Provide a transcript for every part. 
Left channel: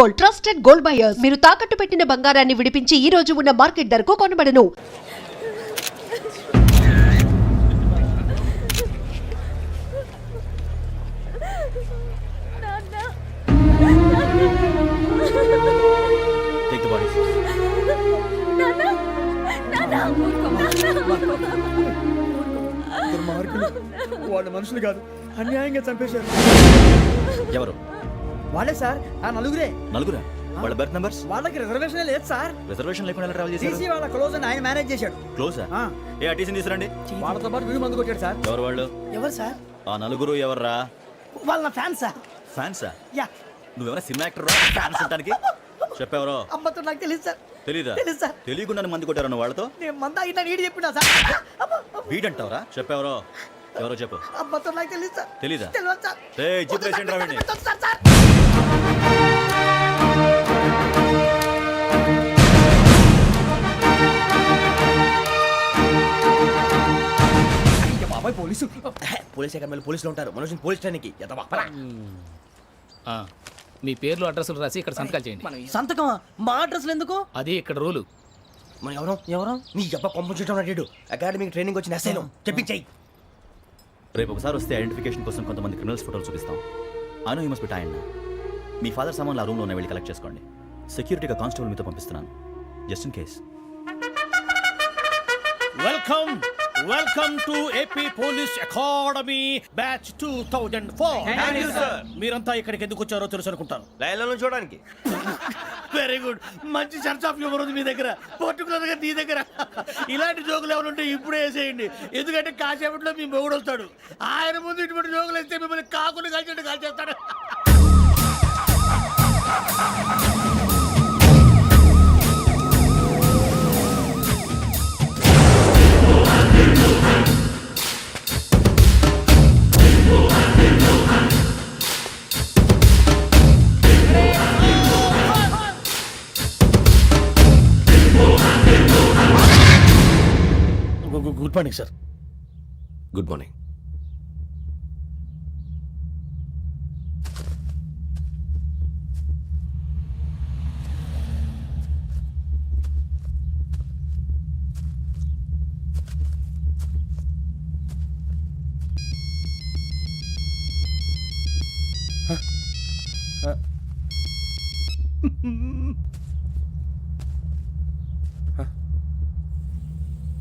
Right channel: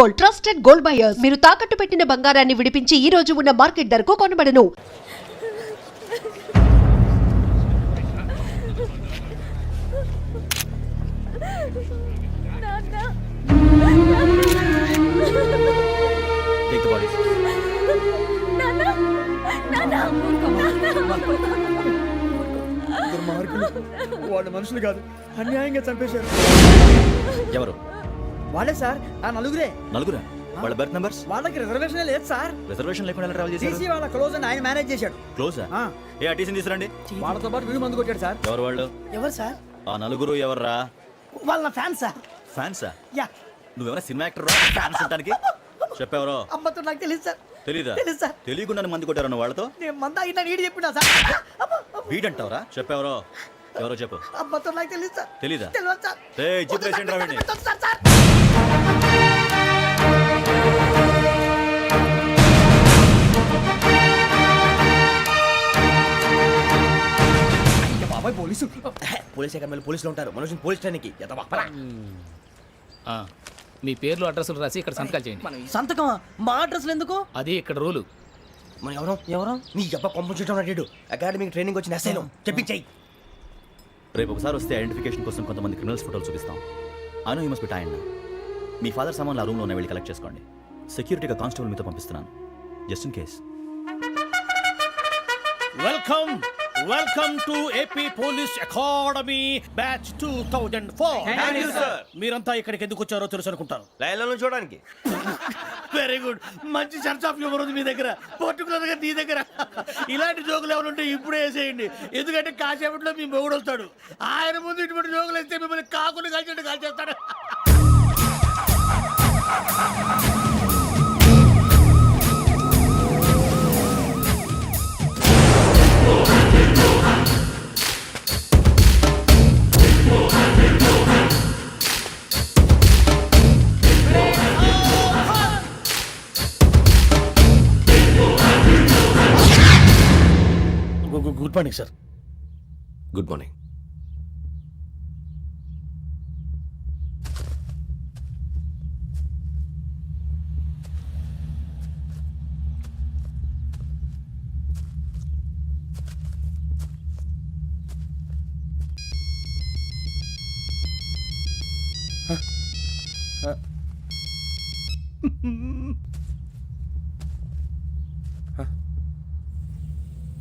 Gold, trusted gold buyers. మీరు తాకట్టు పెట్టిన బంగారాన్ని విడిపించి ఈ రోజు ఉన్న మార్కెట్ ధరకు కొనబడను. Take the bodies. దుర్మార్గులు, వాళ్ళు మనుషులు కాదు, అన్యాయంగా చంపేశారు. ఎవరు? వాళ్ళే సార్, ఆ నలుగురే. నలుగురా? వాళ్ళ బర్త్ నంబర్స్? వాళ్ళకి రిజర్వేషన్ లేదు సార్. రిజర్వేషన్ లేకుండా ఎలా ట్రావెల్ టీసీ చేశారు? వాళ్ళ క్లోజ్ అని ఆయన మేనేజ్ చేశాడు. క్లోజా? ఆ, ఏ ఆ టీసీని తీసుకురండి. వాళ్ళతో పాటు వీడు మందు కొట్టాడు సార్. ఎవరు వాళ్ళు? ఎవరు సార్? ఆ నలుగురు ఎవర్రా? వాళ్ళ ఫ్యాన్స్ సార్. ఫ్యాన్సా? యా. నువ్వెవరా సినిమా యాక్టర్ రా? ఫ్యాన్స్ అంటానికి చెప్పెవరో? అమ్మతో నాకు తెలియదు సార్. తెలీదా? తెలీదు సార్. తెలియకుండా మంది కొట్టారన్న వాళ్ళతో నేను మంద అయినా నీడి చెప్పినా సార్. వీడంటావరా? చెప్పెవరో? ఎవరో చెప్పు. అమ్మతో నాకు తెలియదు సార్. తెలీదా? తెలియదు సార్. ఏయ్, జీప్ రేషన్ రా వీడిని. పెట్టొద్దు సార్, సార్. అయ్య బాబాయ్, పోలీసు. పోలీస్ అకాడమీలో పోలీసులు ఉంటారు. మనోజ్ పోలీస్ ట్రైనింగ్కి మీ పేర్లు అడ్రస్లు రాసి ఇక్కడ సంతకాలు చేయండి. సంతకమా? మా అడ్రస్లు ఎందుకు? అది ఇక్కడ రూలు. మనం ఎవరు నీ అబ్బా పంపించడం అడిగాడు. అకాడమిక్ ట్రైనింగ్ వచ్చిన అసైలం చెప్పించాయి. రేపు ఒకసారి వస్తే ఐడెంటిఫికేషన్ కోసం కొంతమంది క్రిమినల్స్ ఫోటోలు చూపిస్తాం. I know you must be tired now. Me father సామాన్లు ఆ రూమ్లో ఉన్న వెళ్ళి కలెక్ట్ చేసుకోండి. సెక్యూరిటీగా కానిస్టేబుల్ మీతో పంపిస్తున్నాను, just in case. Welcome to AP police academy batch 2004. మీరంతా ఇక్కడికి ఎందుకు వచ్చారో తెలుసు అనుకుంటాను. లైన్లో చూడడానికి. వెరీ గుడ్, మంచి సెన్స్ ఆఫ్ హ్యూమర్ ఉంది మీ దగ్గర, పర్టికులర్ గా నీ దగ్గర. ఇలాంటి జోకులు ఏమైనా ఉంటే ఇప్పుడే వేసేయండి, ఎందుకంటే కాసేపట్లో మీ మొగుడు వస్తాడు. ఆయన ముందు ఇటువంటి జోకులు వేస్తే మిమ్మల్ని కాకుని కాల్చేట్టు కాల్చేస్తాడు. Good morning sir. Good morning.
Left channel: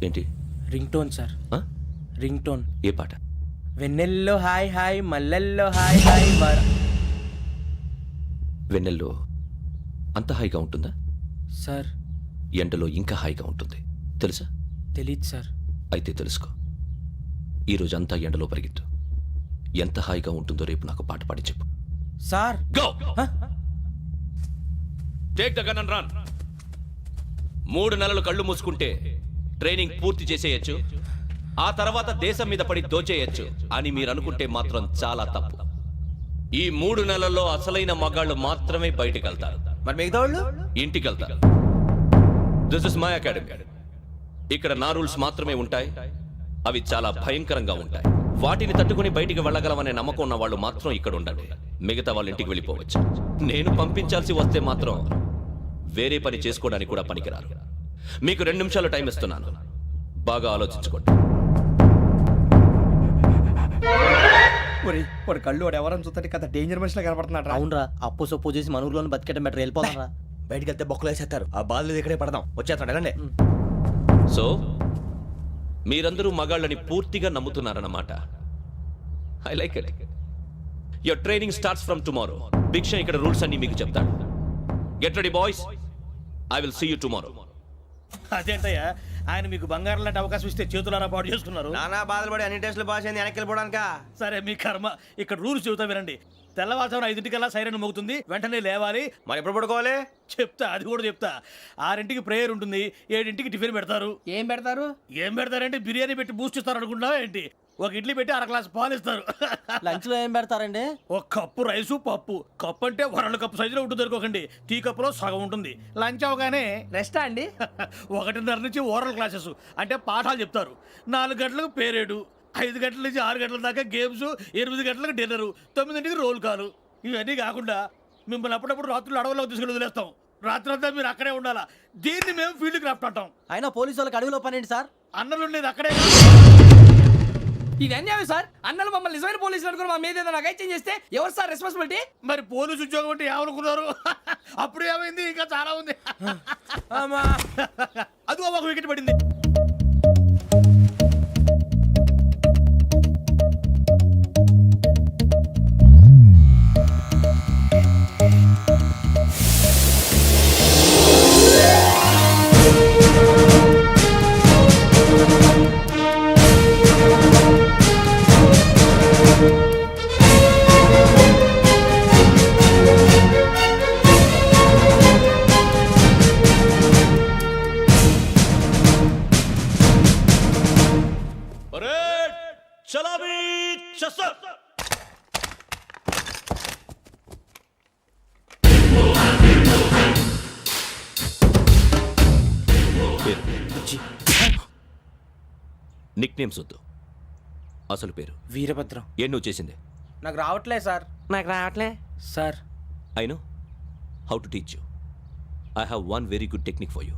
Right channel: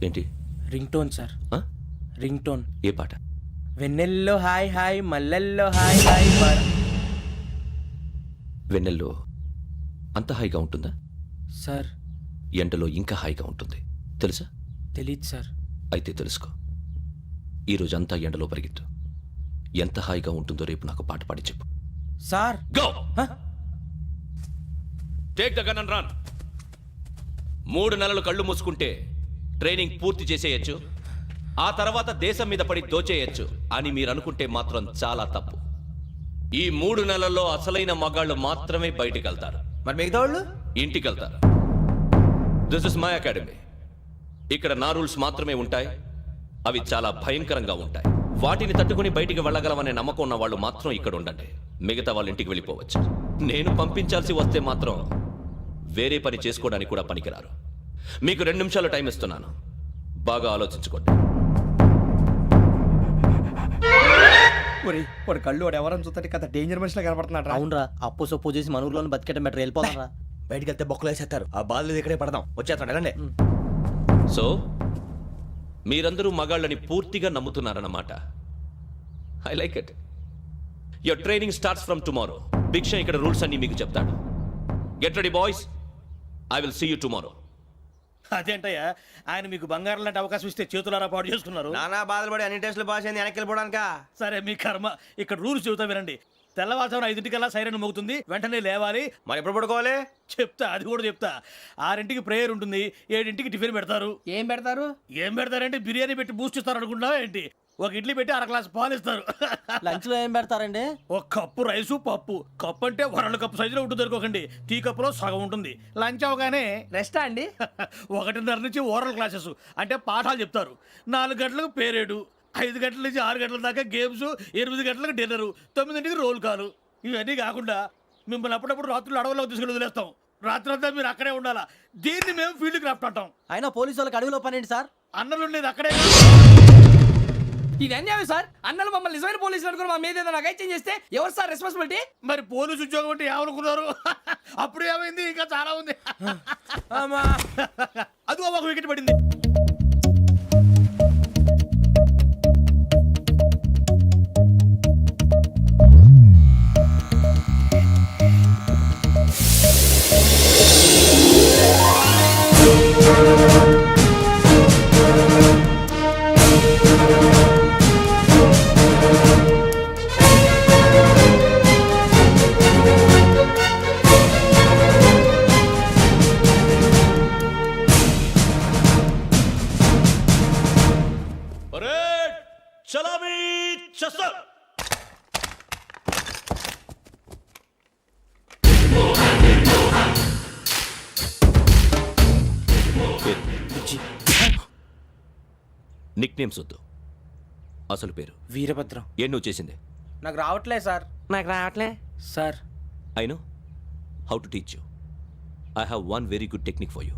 ఏంటి? Ring tone sir. Ring tone. ఏ పాట? వెన్నెల్లో హాయ్ హాయ్, మల్లెల్లో హాయ్ హాయ్. వెన్నెల్లో అంత హాయిగా ఉంటుందా సార్? ఎండలో ఇంకా హాయిగా ఉంటుంది తెలుసా? తెలీదు సార్. అయితే తెలుసుకో. ఈరోజు అంతా ఎండలో పరిగెత్తు. ఎంత హాయిగా ఉంటుందో రేపు నాకు పాట పాడి చెప్పు. Sir go. Take the gun and run. 3 నెలలు కళ్ళు మూసుకుంటే ట్రైనింగ్ పూర్తి చేసేయచ్చు, ఆ తర్వాత దేశం మీద పడి దోచేయచ్చు అని మీరు అనుకుంటే మాత్రం చాలా తప్పు. ఈ 3 నెలల్లో అసలైన మగాళ్ళు మాత్రమే బయటికి వెళ్తారు. మరి మిగతా వాళ్ళు ఇంటికి వెళ్తారు. This is my academy. ఇక్కడ నా రూల్స్ మాత్రమే ఉంటాయి. అవి చాలా భయంకరంగా ఉంటాయి. వాటిని తట్టుకుని బయటికి వెళ్ళగలమనే నమ్మకం ఉన్న వాళ్ళు మాత్రం ఇక్కడ ఉండండి. మిగతా వాళ్ళు ఇంటికి వెళ్ళిపోవచ్చు. నేను పంపించాల్సి వస్తే మాత్రం వేరే పని చేసుకోవడానికి కూడా పనికిరారు. మీకు 2 నిమిషాలు టైం ఇస్తున్నాను, బాగా ఆలోచించుకోండి. వాడు కళ్ళు వాడు ఎవరని చూస్తే కదా డేంజర్ మనిషిలో కనపడుతున్నాడు. అవునరా, అప్పు సొప్పు చేసి మన ఊర్లో బతికేట బెటర్. వెళ్ళిపోతారా? బయటికి వెళ్తే బొక్కలు వేసేస్తారు. ఆ బాధలు ఇక్కడే పడదాం. వచ్చేస్తాడు వెళ్ళండి. సో మీరందరూ మగాళ్ళని పూర్తిగా నమ్ముతున్నారన్నమాట. I like it. Your training starts from tomorrow. భిక్ష ఇక్కడ రూల్స్ అన్ని మీకు చెప్తాడు. Get ready boys, I will see you tomorrow. అదేంటయ్యా, ఆయన మీకు బంగారం లాంటి అవకాశం ఇస్తే చేతులారా పాటు చేసుకున్నారు. నానా బాధలు పడి అన్ని టెస్టులు పాస్ అయింది, వెనక్కి వెళ్ళిపోవడానికా? సరే మీ కర్మ. ఇక్కడ రూల్స్ చెబుతా వినండి. తెల్లవారుజామున 5 సైరన్ మోగుతుంది, వెంటనే లేవాలి. మరి ఎప్పుడు పడుకోవాలి? చెప్తా, అది కూడా చెప్తా. 6 ప్రేయర్ ఉంటుంది, 7 టిఫిన్ పెడతారు. ఏం పెడతారు? ఏం పెడతారంటే బిర్యానీ పెట్టి బూస్ట్ ఇస్తారు అనుకుంటున్నావా ఏంటి? ఒక ఇడ్లీ పెట్టి 1 గ్లాస్ పాలు ఇస్తారు. లంచ్ లో ఏం పెడతారండి? ఒక కప్పు రైసు పప్పు. కప్పు అంటే 1 కప్పు సైజులో ఉంటుంది అనుకోకండి. టీ కప్పులో సగం ఉంటుంది. లంచ్ అవగానే రెస్టా అండి? 1:30 నుంచి ఓరల్ క్లాసెస్ అంటే పాఠాలు చెప్తారు. 4 గంటలకు పేరేడు, 5 గంటల నుంచి 6 గంటల దాకా గేమ్స్, 8 గంటలకు డిన్నరు, 9ంటికి రోల్ కాలు. ఇవన్నీ కాకుండా మిమ్మల్ని అప్పుడప్పుడు రాత్రులు అడవుల్లో తీసుకుని వదిలేస్తాం. రాత్రి అంతా మీరు అక్కడే ఉండాలా. దీన్ని మేము ఫీల్డ్ క్రాఫ్ట్ అంటాం. అయినా పోలీసు వాళ్ళకి అడవిలో పని ఏంటి సార్? అన్నలు ఉండేది అక్కడే. ఇది అన్యాయం సార్. అన్నలు మమ్మల్ని నిజమైన పోలీసులు అనుకుని మా మీద ఏదైనా అగైత్యం చేస్తే ఎవరు సార్ రెస్పాన్సిబిలిటీ? మరి పోలీసు ఉద్యోగం అంటే ఏమనుకున్నారు? అప్పుడు ఏమైంది? ఇంకా చాలా ఉంది. అది ఒక వికెట్ పడింది. చలామీ చసర్. పేరు నిక్ నేమ్స్ వద్దు, అసలు పేరు. వీరభద్రం. ఏం నువ్వు చేసింది? నాకు రావట్లే సార్. నాకు రావట్లే sir. I know how to teach you. I have one very good technique for you.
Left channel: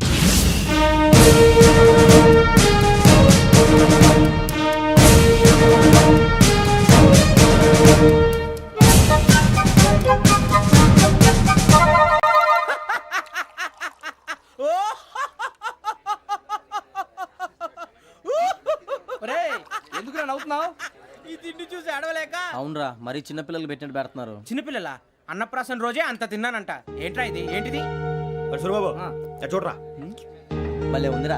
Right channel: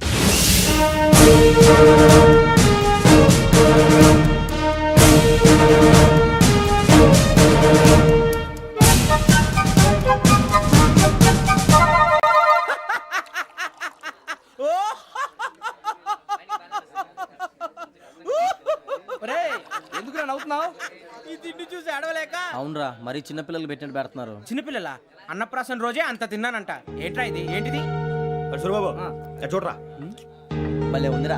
ఎందుకు నవ్వుతున్నావు? ఈ తిండి చూసి అడవలేక. అవునరా, మరి చిన్నపిల్లలు పెట్టినట్టు పెడుతున్నారు. చిన్నపిల్లల అన్నప్రాసన రోజే అంత తిన్నానంట. ఏంట్రా ఇది? ఏంటిది? సూరిబాబు చూడరా. భలే ఉందిరా.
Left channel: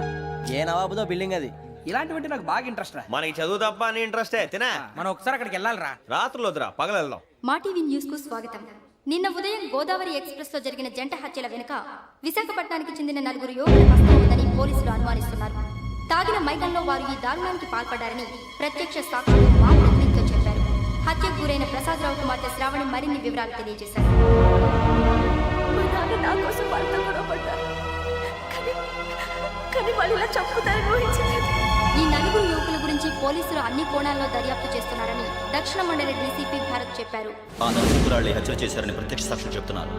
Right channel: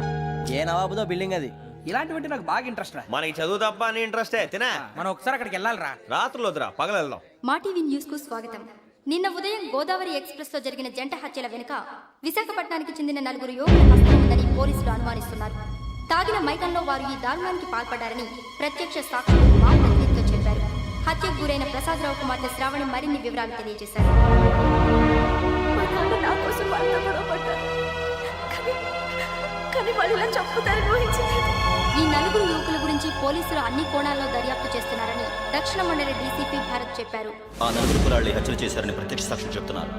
ఏ నవాబుదో బిల్డింగ్ అది. ఇలాంటివంటే నాకు బాగా ఇంట్రెస్ట్ రా. మనకి చదువు తప్ప అని ఇంట్రెస్టే. తినా మనం ఒకసారి అక్కడికి వెళ్ళాలిరా. రాత్రులు వద్దురా, పగలు వెళ్దాం. మా టీవీ న్యూస్ కు స్వాగతం. నిన్న ఉదయం గోదావరి ఎక్స్ప్రెస్ లో జరిగిన జంట హత్యల వెనుక విశాఖపట్నానికి చెందిన 4 యువకుల హస్తం ఉందని పోలీసులు అనుమానిస్తున్నారు. తాగిన మైకంలో వారు ఈ దారుణానికి పాల్పడ్డారని ప్రత్యక్ష సాక్షులు మా ప్రతినిధితో చెప్పారు. హత్యకు గురైన ప్రసాదరావు కుమార్తె శ్రావణి మరిన్ని వివరాలు తెలియజేశారు. మా నాన్న నా కోసం వాళ్ళతో గొడవ పడ్డారు, కానీ వాళ్ళు ఇలా చంపుతారని ఊహించలేదు. ఈ 4 యువకుల గురించి పోలీసులు అన్ని కోణాల్లో దర్యాప్తు చేస్తున్నారని దక్షిణ మండలి డీసీపీ భరత్ చెప్పారు. ఆ 4 కుర్రాళ్ళే హత్యలు చేశారని ప్రత్యక్ష సాక్షులు చెప్తున్నారు.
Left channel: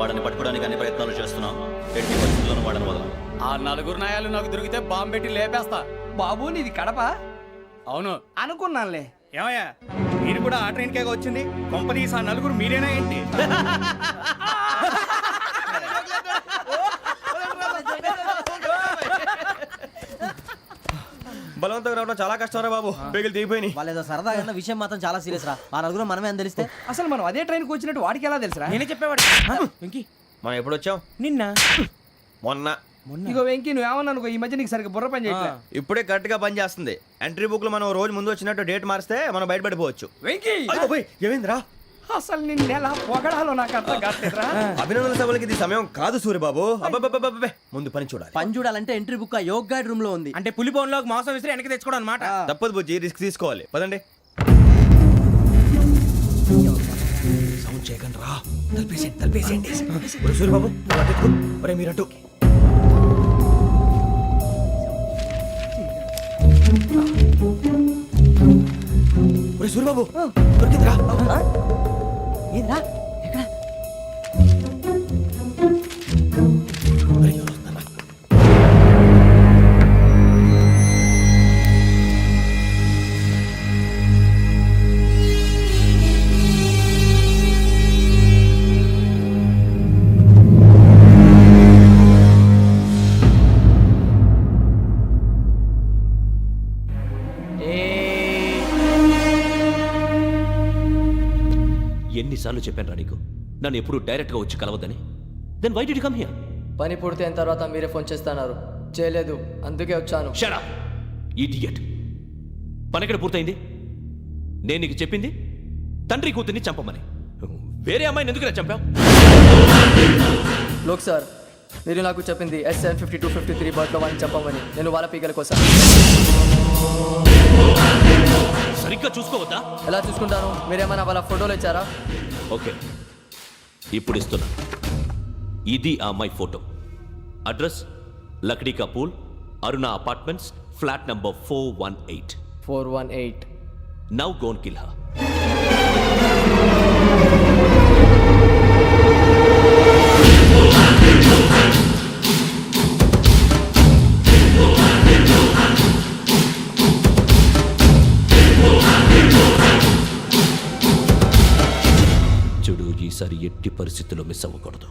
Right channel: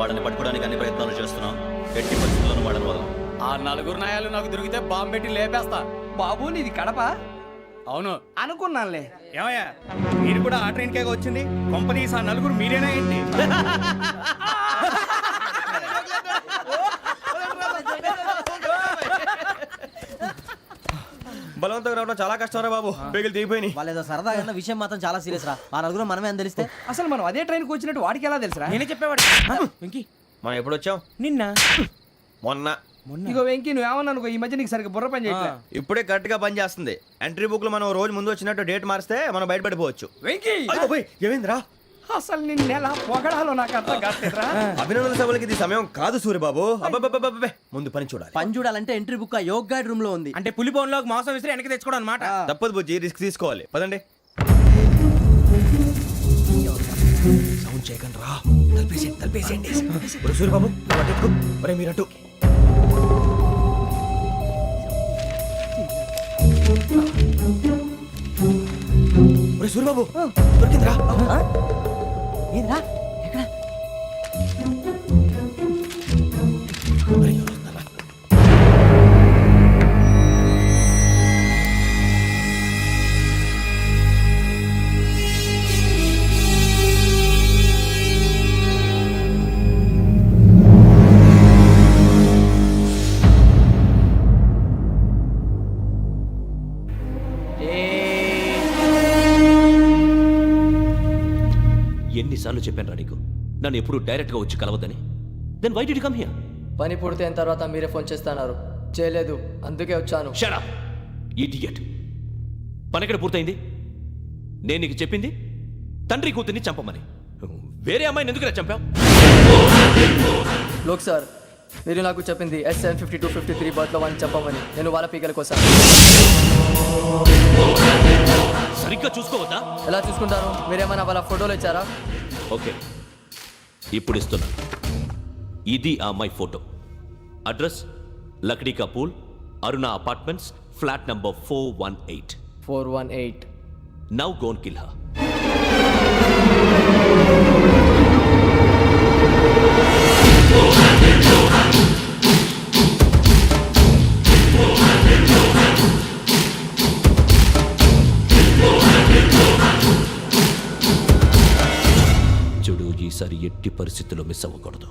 వాళ్ళని పట్టుకోవడానికి అన్ని ప్రయత్నాలు చేస్తున్నాం. ఎట్టి పరిస్థితుల్లోనూ వాళ్ళని వదలం. ఆ 4 నాయాలు నాకు దొరికితే బాంబు పెట్టి లేపేస్తా. బాబు నీది కడప? అవును అనుకున్నానులే. ఏమయ్యా, మీరు కూడా ఆ ట్రైన్ కేగా వచ్చింది? కొంపదీసి ఆ 4 మీరేనా ఏంటి? బలవంతంగా రావడం చాలా కష్టం రా బాబు. బేగులు దిగిపోయినాయి. వాళ్ళేదో సరదాగా విషయం మాత్రం చాలా సీరియస్ రా. ఆ నలుగురు మనమే అని తెలిస్తే అసలు మనం అదే ట్రైన్కి వచ్చినట్టు వాడికి ఎలా తెలుసురా? నేనే చెప్పేవాడు. వెంకీ, మనం ఎప్పుడు వచ్చాం? నిన్న మొన్న. ఇగో వెంకీ నువ్వేమన్నా అనుకో, ఈ మధ్య నీకు సరిగ్గా బుర్ర పని చేయట్లే. ఇప్పుడే కరెక్ట్ గా పని చేస్తుంది. ఎంట్రీ బుక్ లో మనం రోజు ముందు వచ్చినట్టు డేట్ మారిస్తే మనం బయటపడిపోవచ్చు. వెంకీ ఏమైందిరా? అసలు నిన్న ఎలా పొగడాలో నాకు అర్థం కాట్లేదురా. అభినందన సభలకి ఇది సమయం కాదు సూర్యబాబు. అబ్బబ్బబ్బబ్బబ్బే, ముందు పని చూడాలి. పని చూడాలంటే ఎంట్రీ బుక్ ఆ యోగ్ గైడ్ రూమ్ లో ఉంది. అంటే పులి బోన్లోకి మాంసం విసిరి వెనక్కి తెచ్చుకోవడం అనమాట. తప్పదు బుజ్జి, రిస్క్ తీసుకోవాలి. పదండి. సౌండ్ చేయకండి రా. తలపేసేయండి. సూర్యబాబు ఒరే మీరట్టు. ఒరే సూర్యబాబు దొరికిందిరా. ఏంద్రా ఎక్కడ? ఒరే, ఎవరు వస్తున్నారా? ఎన్నిసార్లు చెప్పాను రా నీకు నన్ను ఎప్పుడు డైరెక్ట్గా వచ్చి కలవద్దని? Then why did you come here? పని పూర్తయిన తర్వాత మీరే ఫోన్ చేస్తున్నారు. చేయలేదు, అందుకే వచ్చాను. Shut up idiot. పని ఎక్కడ పూర్తయింది? నేను నీకు చెప్పింది తండ్రి కూతుర్ని చంపమని. వేరే అమ్మాయిని ఎందుకు చంపావు? లోక్ సార్, మీరు నాకు చెప్పింది S75253 బర్త్లో వాళ్ళని చంపమని. నేను వాళ్ళ పీకల కోసం. సరిగ్గా చూసుకోవద్దా? ఎలా చూసుకుంటాను? మీరేమైనా వాళ్ళ ఫోటోలు ఇచ్చారా? ఓకే, ఇప్పుడు ఇస్తున్నాను. ఇది ఆ అమ్మాయి photo. Address Lakdi pool, Aruna apartments, flat number 418. 418. Now go and kill her. ఎట్టి పరిస్థితుల్లో మిస్ అవ్వకూడదు.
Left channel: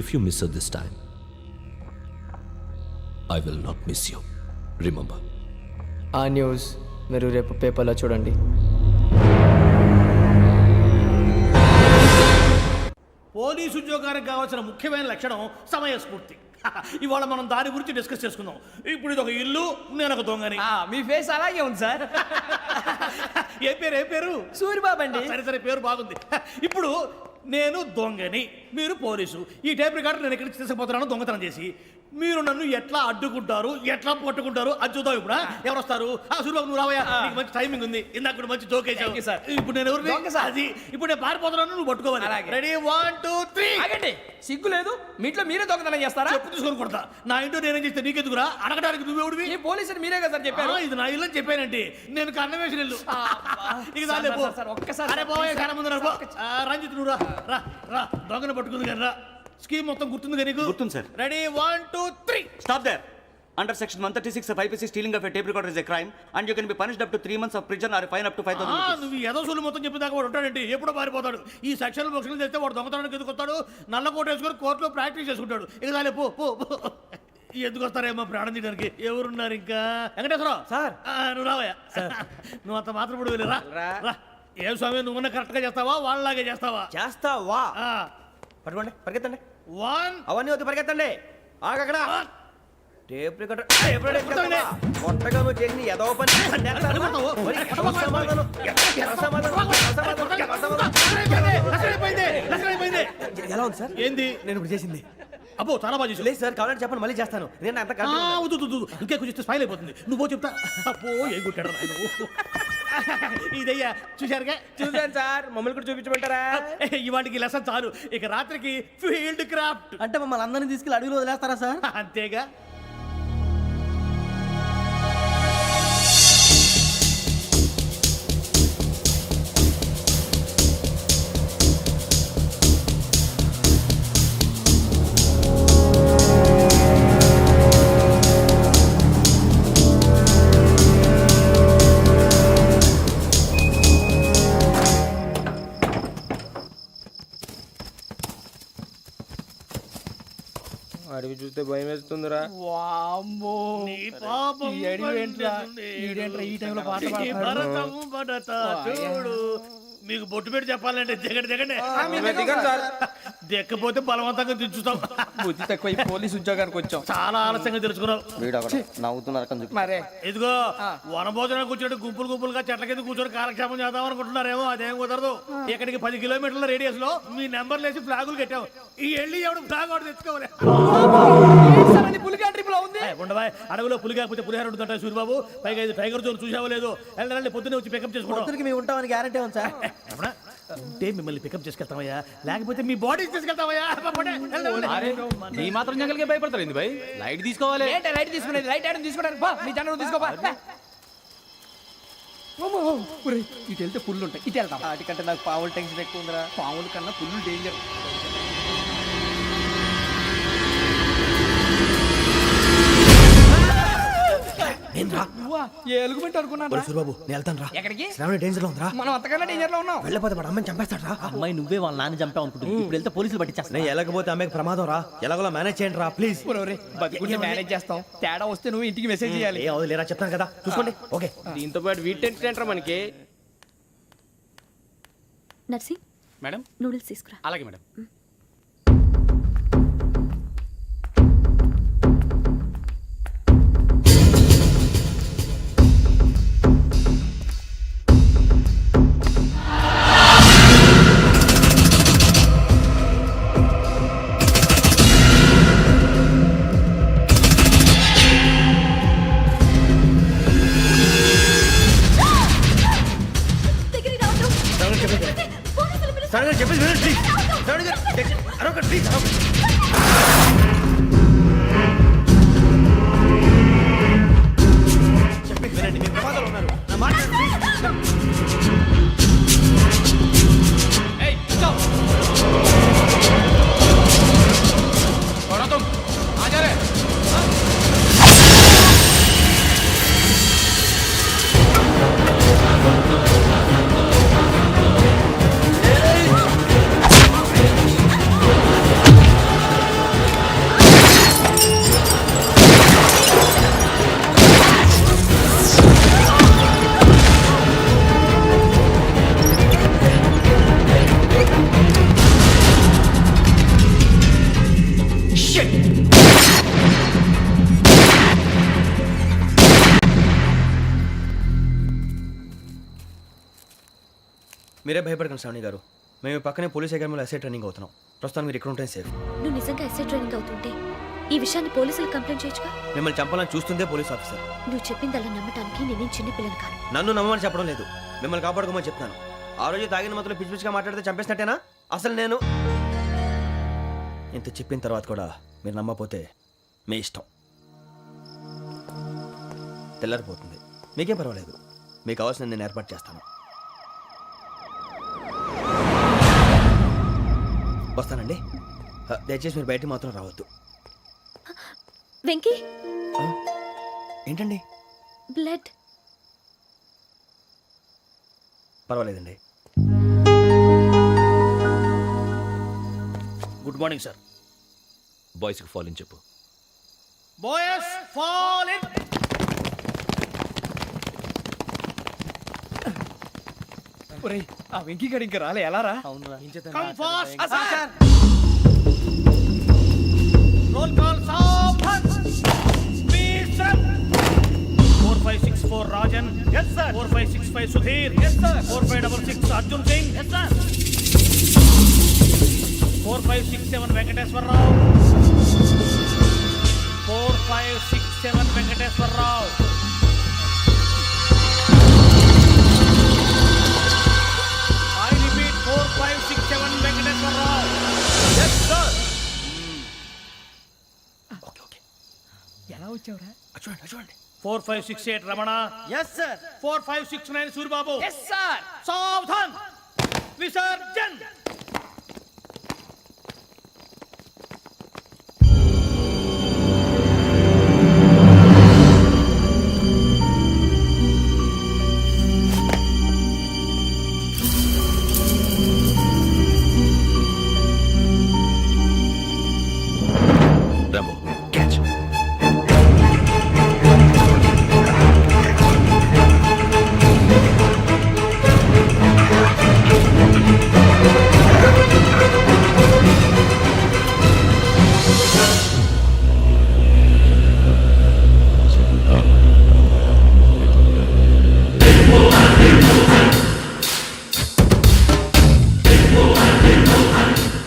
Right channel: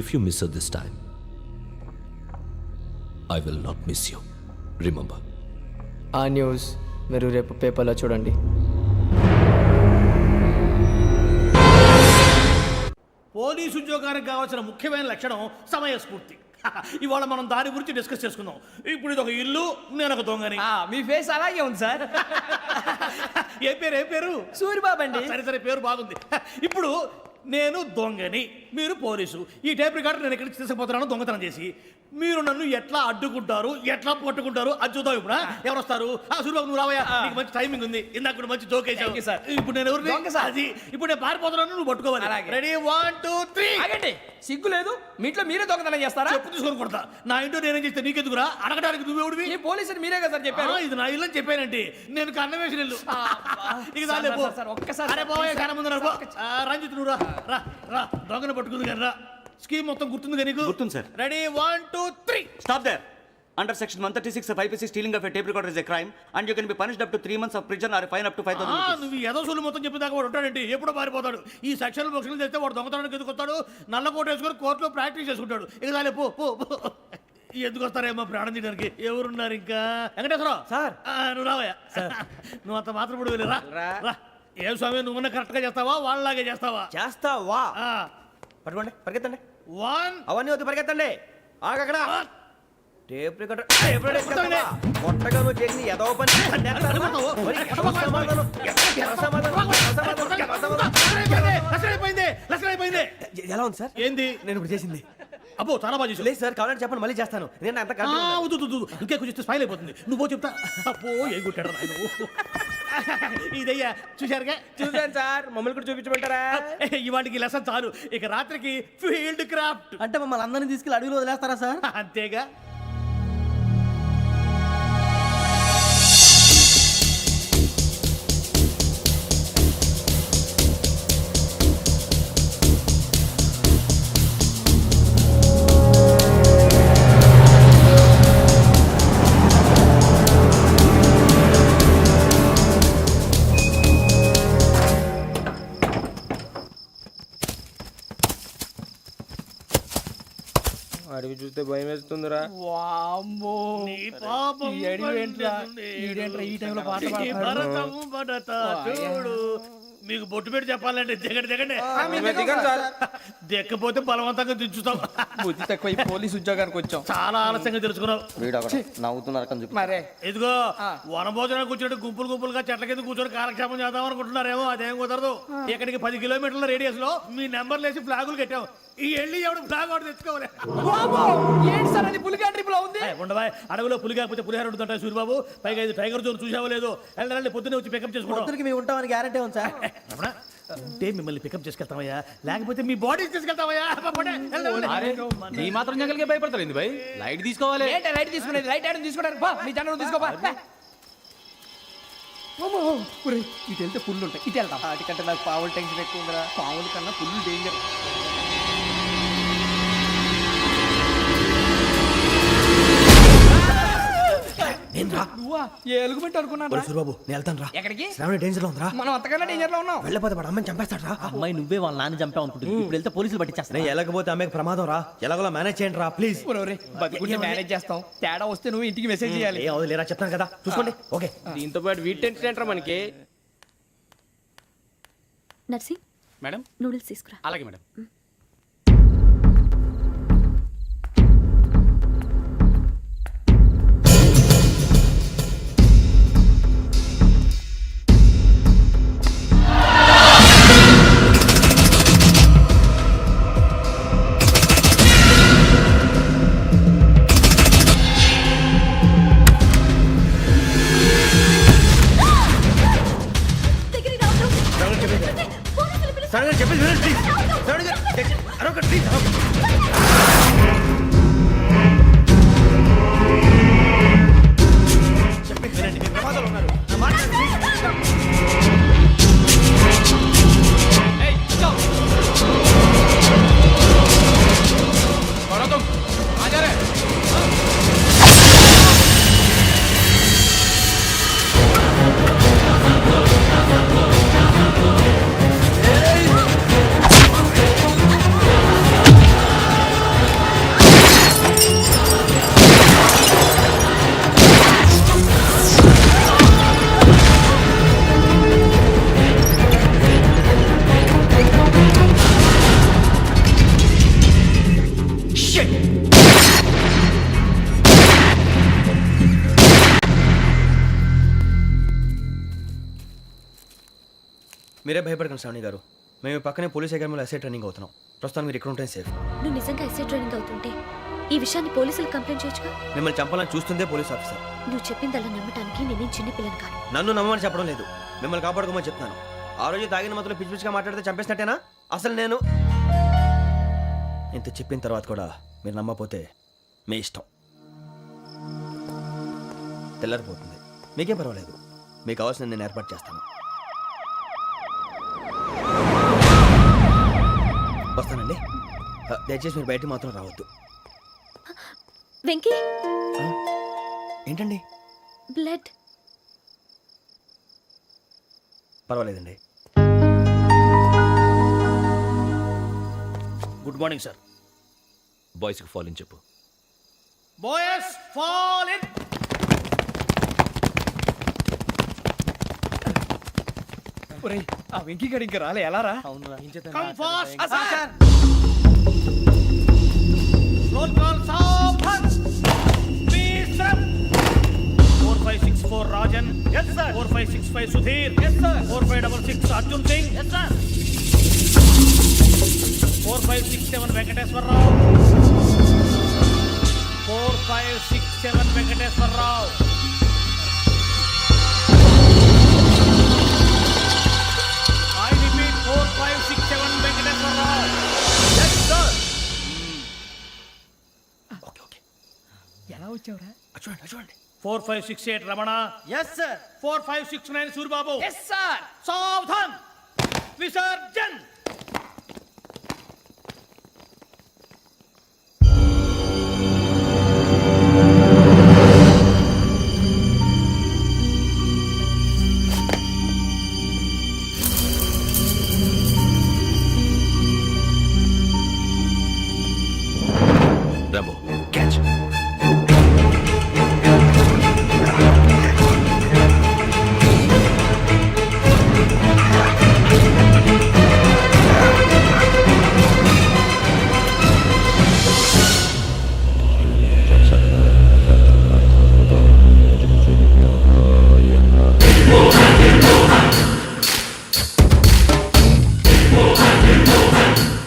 If you miss this time I will not miss you. Remember. ఆ న్యూస్ మీరు రేపు పేపర్లో చూడండి. పోలీసు ఉద్యోగానికి కావాల్సిన ముఖ్యమైన లక్షణం సమయస్ఫూర్తి. ఇవాళ మనం దాని గురించి డిస్కస్ చేసుకుందాం. ఇప్పుడు ఇది ఒక ఇల్లు, నేను ఒక దొంగని. మీ ఫేస్ అలాగే ఉంది సార్. ఏ పేరు? సూరిబాబు అండి. సరే పేరు బాగుంది. ఇప్పుడు నేను దొంగని, మీరు పోలీసు. ఈ టైప్ రికార్డు నేను ఎక్కడికి తీసుకుపోతున్నాను దొంగతనం చేసి. మీరు నన్ను ఎట్లా అడ్డుకుంటారు, ఎట్లా పట్టుకుంటారు అది చూద్దాం. ఇప్పుడు ఎవరు వస్తారు? సూరిబాబు నువ్వు రావయ్యా, నీకు మంచి టైమింగ్ ఉంది. ఇందాక కూడా మంచి జోక్ వేసావు సార్. ఇప్పుడు నేను ఎవరు? అది ఇప్పుడు నేను పారిపోతున్నాను, నువ్వు పట్టుకోవాలి. రెడీ 1 2 3. ఆగండి, సిగ్గు లేదు? మీ ఇంట్లో మీరే దొంగతనం చేస్తారా? చెప్పు తీసుకొని కొడతా. నా ఇంట్లో నేనేం చేస్తే నీకెందుకురా? అడగడానికి నువ్వెవడివి? ఈ పోలీసులు మీరే కదా సార్ చెప్పారు. ఇది నా ఇల్లు అని చెప్పానంటే నేను కన్నం వేసిన ఇల్లు. ఇక చాలే పో. ఒక్కసారి అరే బాబాయ్ చాలా ముందు రంజిత్ నువ్వు రా దొంగను పట్టుకుంది కానీ రా. స్కీమ్ మొత్తం గుర్తుంది కదా నీకు? గుర్తుంది sir. Ready 1 2 3. Stop there. Under section 136 of IPC, stealing of a tape recorder is a crime and you can be punished up to 3 months of prison or a fine up to 5,000 rupees. నువ్వు ఏదో సొల్లు మొత్తం చెప్పేదాకా వాడు ఉంటాడండి. ఎప్పుడో పారిపోతాడు. ఈ సెక్షన్ బొక్షన్లు చేస్తే వాడు దొంగతనానికి ఎందుకు వస్తాడు? నల్ల కోట వేసుకొని కోర్టులో ప్రాక్టీస్ చేసుకుంటాడు. ఇక చాలే పో. ఎందుకు వస్తారేమో ప్రాణం తీయడానికి. ఎవరున్నారు ఇంకా? వెంకటేశ్వరరావు సార్, నువ్వు రావయ్యా. నువ్వు అంత మాత్రం ఇప్పుడు వెళ్ళి రా. ఏం స్వామి, నువ్వు కరెక్ట్ గా చేస్తావా వాళ్ళలాగే చేస్తావా? చేస్తావా? పట్టుకోండి, పరిగెత్తండి. 1 అవన్నీ వద్దు, పరిగెత్తండి. ఆగక్కడ టేప్ రికార్డర్ కొట్టగా నువ్వు చేసిన ఏదో పని. ఎలా ఉంది సార్? ఏంది నేను ఇప్పుడు చేసింది? అబ్బో చాలా బాగా చేసావు. లేదు సార్, కావాలంటే చెప్పండి, మళ్ళీ చేస్తాను. నేను అంత ఇంకే కొంచెం స్మైల్ అయిపోతుంది. నువ్వు చెప్తా. అబ్బో ఏ గుట్టాడు ఆయన. ఇదయ్యా చూశారుగా? చూసాను సార్. మమ్మల్ని కూడా చూపించమంటారా? ఇవాటికి లెసన్ చాలు. ఇక రాత్రికి ఫీల్డ్ క్రాఫ్ట్. అంటే మమ్మల్ని అందరినీ తీసుకెళ్ళి అడుగులో వదిలేస్తారా సార్? అంతేగా. అడవి చూస్తే భయం వేస్తుందిరా. వామ్మో, నీ పాపం ఈ అడవి ఏంట్రా? ఈడేంట్రా ఈ టైంలో పాట పాడుతున్నాడు? భరతం భరత చూడు. మీకు బొట్టు పెట్టి చెప్పాలంటే దిగండి. దిక్కపోతే బలవంతంగా దించుతాం. బుద్ధి తక్కువ. ఈ పోలీస్ ఉద్యోగానికి వచ్చాం. చాలా ఆలస్యంగా తెలుసుకున్నావు. నవ్వుతున్నారు. మరే ఇదిగో వనభోజనానికి కూర్చోటి గుంపులుగా చెట్ల కింద కూర్చొని కాలక్షేపం చేద్దాం అనుకుంటున్నారేమో. అదేం కుదరదు. ఇక్కడికి 10 కిలోమీటర్ల రేడియస్ లో మీ నెంబర్లు వేసి ఫ్లాగులు కట్టాం. ఈ వెళ్ళి ఎవడు ఫ్లాగ్ ఒకటి తెచ్చుకోవాలి. పులిగా ట్రిప్ లో ఉంది. ఉండవా, అడవిలో పులి కాకపోతే పులిహార ఉంటుంటాయి సూరిబాబు. పైగా ఇది టైగర్ జోన్ చూసావో లేదో. వెళ్ళండి, పొద్దున్నే వచ్చి పికప్ చేసుకుంటాం. మేము ఉంటామని గ్యారంటీ ఉంది సార్. ఉంటే మిమ్మల్ని పికప్ చేసుకెళ్తామయ్యా, లేకపోతే మీ బాడీ తీసుకెళ్తామయ్యా. ఈ మాత్రం జంగల్కే భయపడతారు ఏంది భయ్? లైట్ తీసుకోవాలి. లైట్ తీసుకునేది? లైట్ ఆడని తీసుకోవడానికి బా, మీ జనం తీసుకోబా. ఇటు వెళ్తే పుల్లు ఉంటాయి, ఇటు వెళ్తాం. వాటికంటే నాకు పావులు టెన్షన్ ఎక్కువ ఉందిరా. పాముల కన్నా పుల్లు డేంజర్. నువ్వా? ఏ ఎలుగుబెట్టి అనుకున్నాను. సూరిబాబు నేను వెళ్తాను రా. ఎక్కడికి? శ్రావణి డేంజర్ లో ఉందిరా. మనం అంతకన్నా డేంజర్ లో ఉన్నాం. వెళ్ళపోతే వాడు అమ్మని చంపేస్తాడు రా. అమ్మాయి నువ్వే వాళ్ళ నాన్న చంపావు అనుకుంటుంది. ఇప్పుడు వెళ్తే పోలీసులు పట్టించేస్తా. నేను వెళ్ళకపోతే అమ్మాయికి ప్రమాదం రా. ఎలాగోలా మేనేజ్ చేయండి రా ప్లీజ్. బతుకుంటే మేనేజ్ చేస్తాం. తేడా వస్తే నువ్వు ఇంటికి మెసేజ్ చేయాలి. ఏ లేరా చెప్తాను కదా, చూసుకోండి. ఓకే. దీంతో పాటు వీటి టెన్షన్ ఏంట్రా మనకి? నర్సి మేడం నూడిల్స్ తీసుకురా. అలాగే మేడం. చెప్పేసి ప్లీజ్. శ్రావణి గారు అరొక ప్లీజ్. చెప్పేసి వినండి, మీరు ప్రమాదాలు ఉన్నారు. నా మాట ప్లీజ్. మీరే భయపడకండి శ్రావణి గారు. మేము పక్కనే పోలీస్ అకాడమీలో ఎస్ఐ ట్రైనింగ్ అవుతున్నాం. ప్రస్తుతం మీరు ఇక్కడ ఉంటే సేఫ్. నువ్వు నిజంగా ఎస్ఐ ట్రైనింగ్ అవుతుంటే ఈ విషయాన్ని పోలీసులకు కంప్లైంట్ చేయొచ్చుగా. మిమ్మల్ని చంపాలని చూస్తుందే పోలీస్ ఆఫీసర్. నువ్వు చెప్పిందల్లా నమ్మటానికి నేనేం చిన్న పిల్లని కాను. నన్ను నమ్మమని చెప్పడం లేదు, మిమ్మల్ని కాపాడుకోమని చెప్తున్నాను. ఆ రోజు తాగిన మొదలు పిచ్చి పిచ్చిగా మాట్లాడితే చంపేసినట్టేనా? అసలు నేను ఇంత చెప్పిన తర్వాత కూడా మీరు నమ్మపోతే మీ ఇష్టం. తెల్లారిపోతుంది, మీకేం పర్వాలేదు. మీకు కావాల్సిన నేను ఏర్పాటు చేస్తాను. వస్తానండి. దయచేసి మీరు బయటికి మాత్రం రావద్దు. వెంకీ, ఏంటండి? బ్లడ్. పర్వాలేదండి. Good morning sir. బాయ్స్కి ఫాల్ ఇన్ చెప్పు. Boys fall in. ఒరేయ్, ఆ వెంకీ గడి ఇంకా రాలే, ఎలా రా? Come fast sir. Roll call సావధాన్. Speed step. 4564 Rajan. yes sir. 4565 Sudheer. yes sir. 4566 Arjun Singh. yes sir. 4567 Venkateswararao. 4567 Venkateswararao. I repeat 4567 Venkateswararao. yes sir. Okay okay, ఎలా వచ్చావురా? చూడండి చూడండి. 4568 Ramana. yes sir. 4569 Suribabu. Yes sir. సావధాన్. విసర్జన్. Rambo, catch.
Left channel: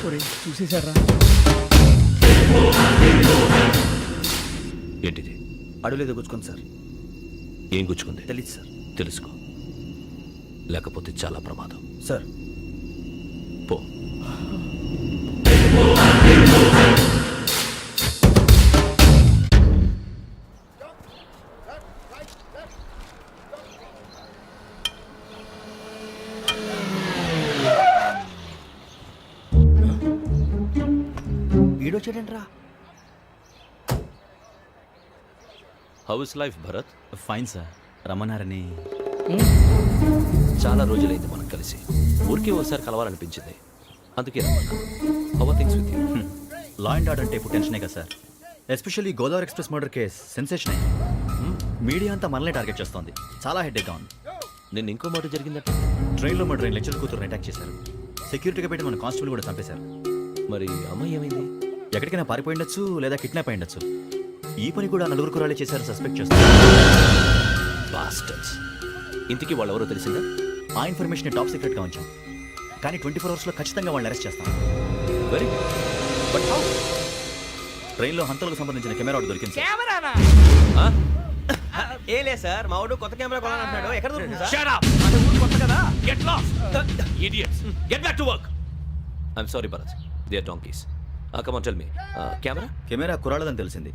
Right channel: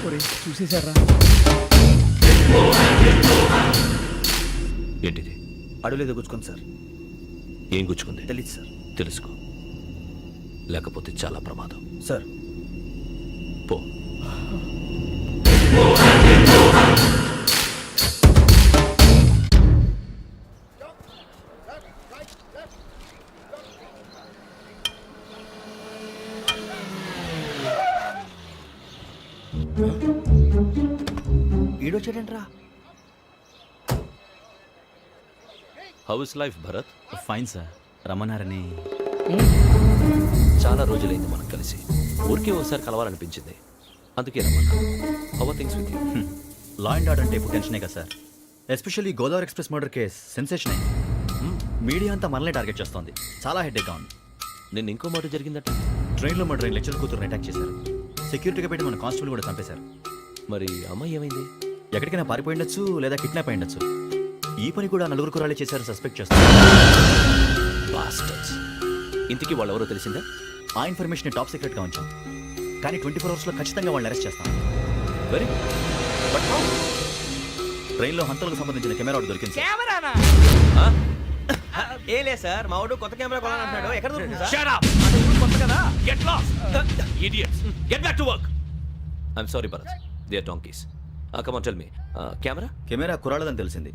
ఒరేయ్, చూసేశారా? ఏంటిది? అడవిలో గుచ్చుకుంది సార్. ఏం గుచ్చుకుంది? తెలీదు సార్. తెలుసుకో, లేకపోతే చాలా ప్రమాదం. సార్ పో. ఈడొచ్చాడంట్రా. How is life Bharat? Fine sir. రమ్మన్నారని. చాలా రోజులైంది మనం కలిసి. ఊరికే ఒకసారి కలవాలనిపించింది, అందుకే రమ్మన్నా. How are things with you? Law and order అంటే ఇప్పుడు టెన్షనే కదా sir. Especially Godavari express murder case sensation అయింది. మీడియా అంతా మనల్ని టార్గెట్ చేస్తోంది. చాలా హెడ్ఏక్గా ఉంది. నిన్న ఇంకో మాట జరిగిందట. ట్రైన్లో మా ట్రైన్ లెక్చర్ కూతురుని అటాక్ చేశారు. సెక్యూరిటీగా పెట్టి మన కానిస్టేబుల్ కూడా చంపేశారు. మరి అమ్మాయి ఏమైంది? ఎక్కడికైనా పారిపోయి ఉండొచ్చు, లేదా కిడ్నాప్ అయి ఉండొచ్చు. ఈ పని కూడా నలుగురు కురాలే చేశారు సస్పెక్ట్ చేస్తారు. బాస్టర్స్. ఇంతకీ వాళ్ళెవరో తెలిసిందా? ఆ ఇన్ఫర్మేషన్ టాప్ సీక్రెట్గా ఉంచాం, కానీ 24 అవర్స్లో ఖచ్చితంగా వాళ్ళని అరెస్ట్ చేస్తాం. Very good. But how? ట్రైన్లో హంతలకు సంబంధించిన కెమెరా ఒకటి దొరికింది సార్. కెమెరానా? ఏలే సార్, మా వాడు కొత్త కెమెరా కొనాలంటున్నాడు. ఎక్కడ దొరుకుతుంది సార్? Shut up! అంటే ఊరు కొత్త కదా. Get lost! Idiots! Get back to work! I'm sorry, Bharat. They are donkeys. Come on, tell me. Camera? Camera కురాలదని తెలిసింది.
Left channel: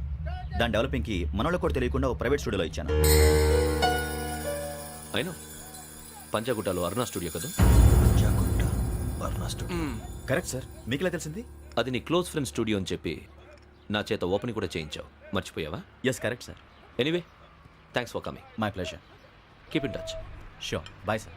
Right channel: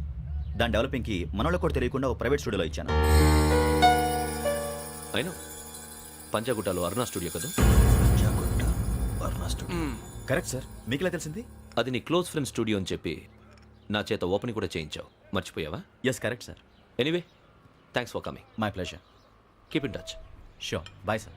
దాని డెవలపింగ్కి మనలో కూడా తెలియకుండా ఒక ప్రైవేట్ స్టూడియోలో ఇచ్చాను. I know. పంజాగుట్టలో అరుణా స్టూడియో కదా? Panjagutta Aruna studio. Correct sir. మీకులా తెలిసింది? అది నీ క్లోజ్ ఫ్రెండ్ స్టూడియో అని చెప్పి నా చేత ఓపెనింగ్ కూడా చేయించావు. మర్చిపోయావా? Yes correct sir. Anyway, thanks for coming. My pleasure. Keep in touch. Sure. Bye sir.